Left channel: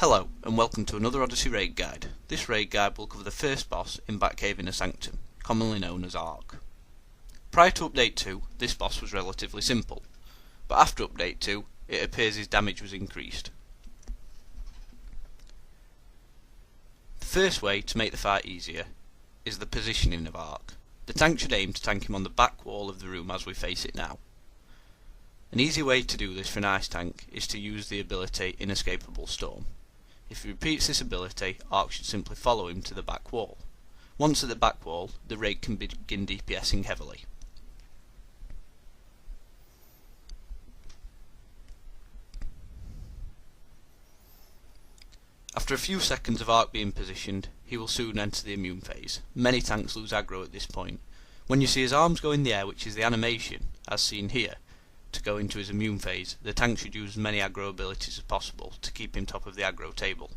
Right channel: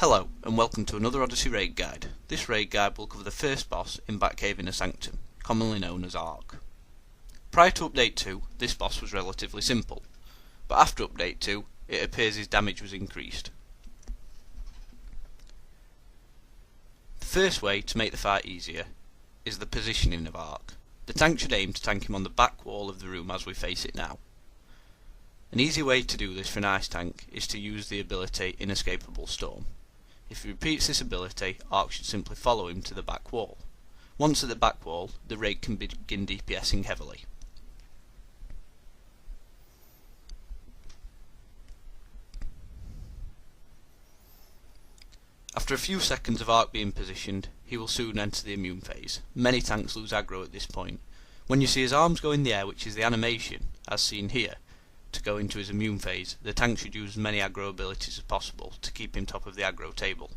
Hello and welcome to another Odyssey raid guide. This raid guide will cover the first boss in Batcave Inner Sanctum, commonly known as Ark. Prior to Update 2, this boss was relatively simple, but after Update 2, it appears his damage was increased. The first way to make the fight easier is the positioning of Ark. The tank should aim to tank him on the back wall of the room as we face it now. An easy way to do this for an ice tank is to use the ability Inescapable Storm. If he repeats this ability, Ark should simply follow him to the back wall. Once at the back wall, the raid can begin DPSing heavily. After a few seconds of Ark being positioned, he will soon enter the immune phase. Many tanks lose aggro at this point. When you see his arms go in the air, which is the animation, as seen here, to go into his immune phase, the tank should use as many aggro abilities as possible to keep him top of the aggro table.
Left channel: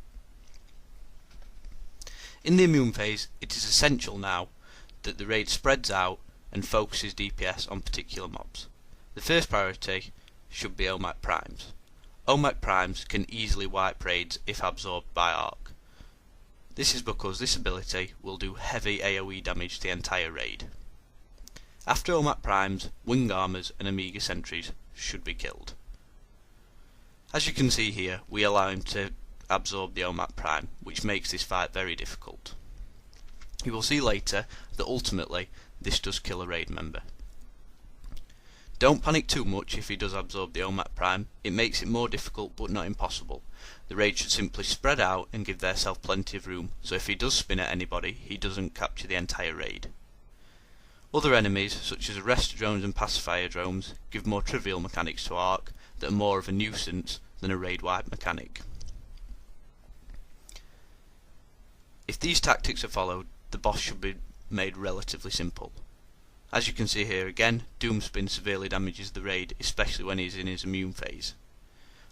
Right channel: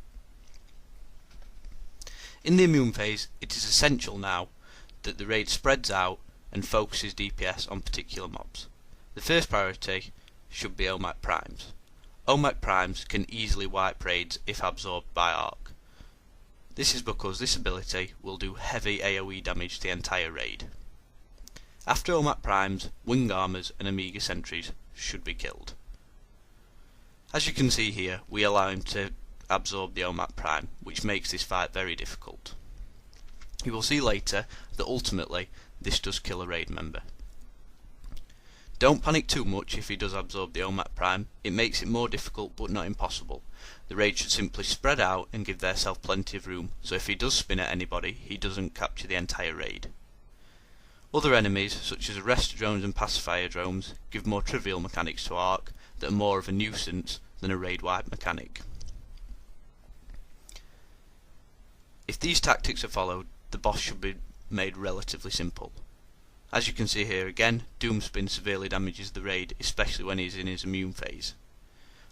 In the immune phase, it is essential now that the raid spreads out and focuses DPS on particular mobs. The first priority should be OMAC primes. OMAC primes can easily wipe raids if absorbed by Ark. This is because this ability will do heavy AoE damage to the entire raid. After OMAC primes, wing armors and Amiga sentries should be killed. As you can see here, we allow him to absorb the OMAC prime, which makes this fight very difficult. You will see later that ultimately this does kill a raid member. Don't panic too much if he does absorb the OMAC prime. It makes it more difficult but not impossible. The raid should simply spread out and give theirself plenty of room, so if he does spin at anybody, he doesn't capture the entire raid. Other enemies, such as arrestor drones and pacifier drones, give more trivial mechanics to Ark that are more of a nuisance than a raid wipe mechanic. If these tactics are followed, the boss should be made relatively simple. As you can see here again, Doomspin severely damages the raid, especially when he is in his immune phase.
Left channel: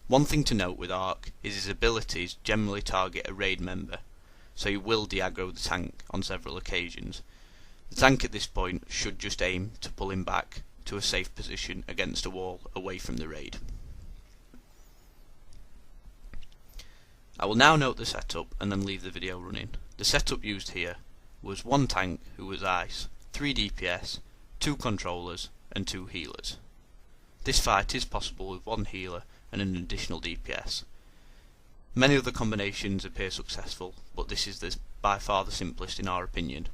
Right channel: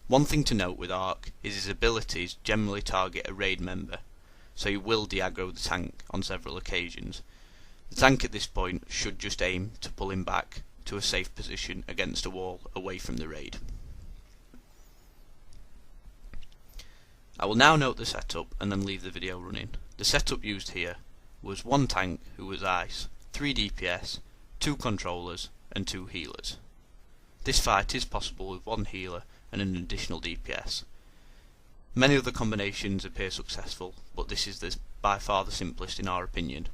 One thing to note with Ark is his abilities generally target a raid member, so he will de-aggro the tank on several occasions. The tank at this point should just aim to pull him back to a safe position against a wall away from the raid. I will now note the setup and then leave the video running. The setup used here was one tank who was ice, 3 DPS, 2 controllers and 2 healers. This fight is possible with 1 healer and an additional DPS. Many other combinations appear successful, but this is by far the simplest in our opinion.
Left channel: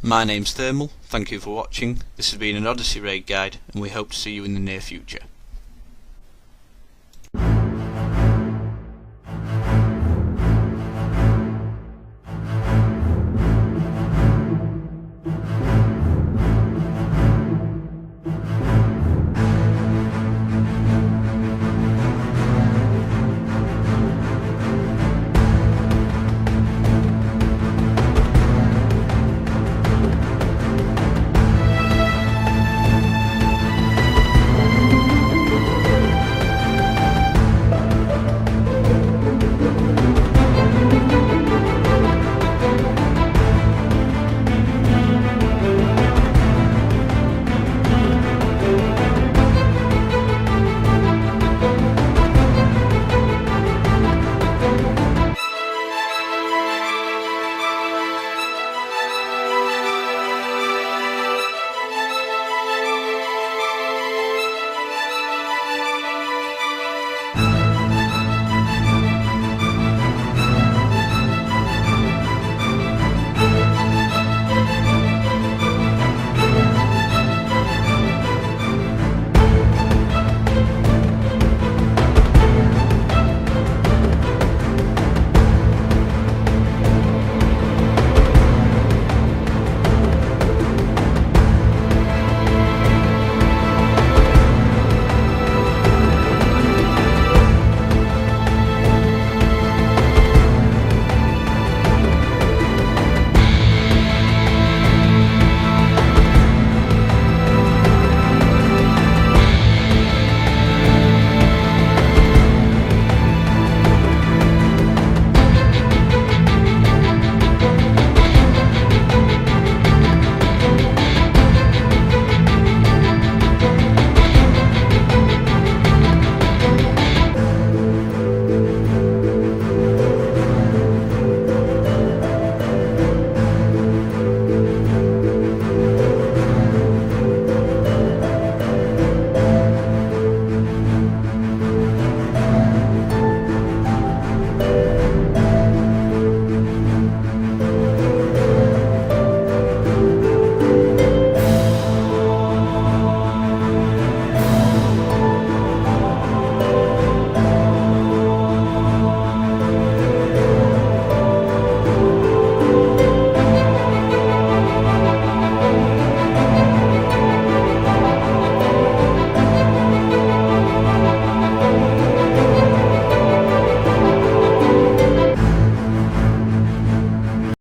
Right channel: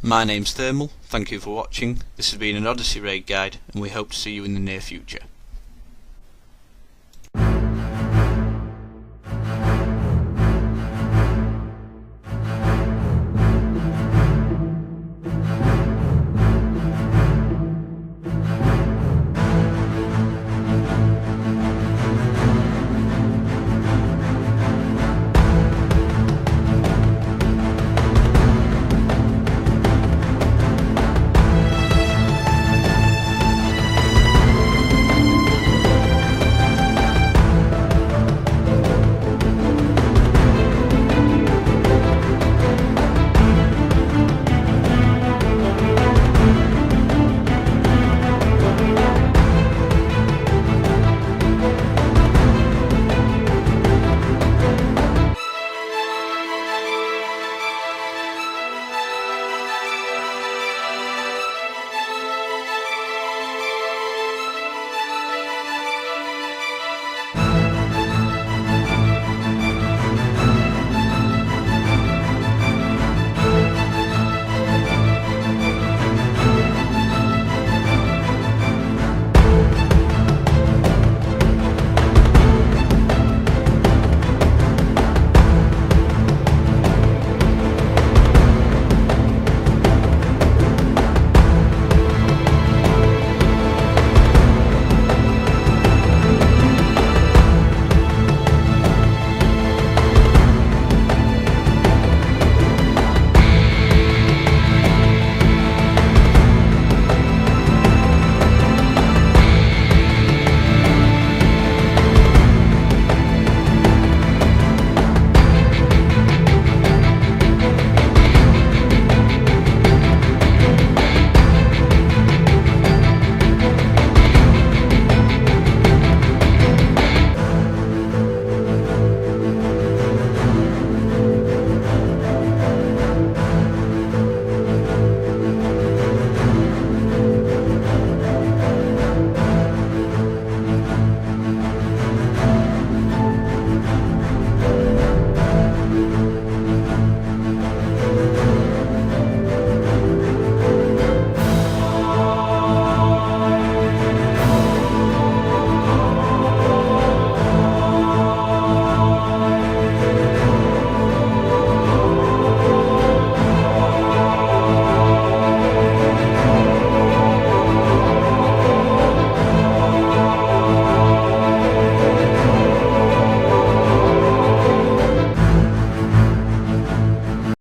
My name's Thermal, thank you for watching. This has been an Odyssey raid guide and we hope to see you in the near future.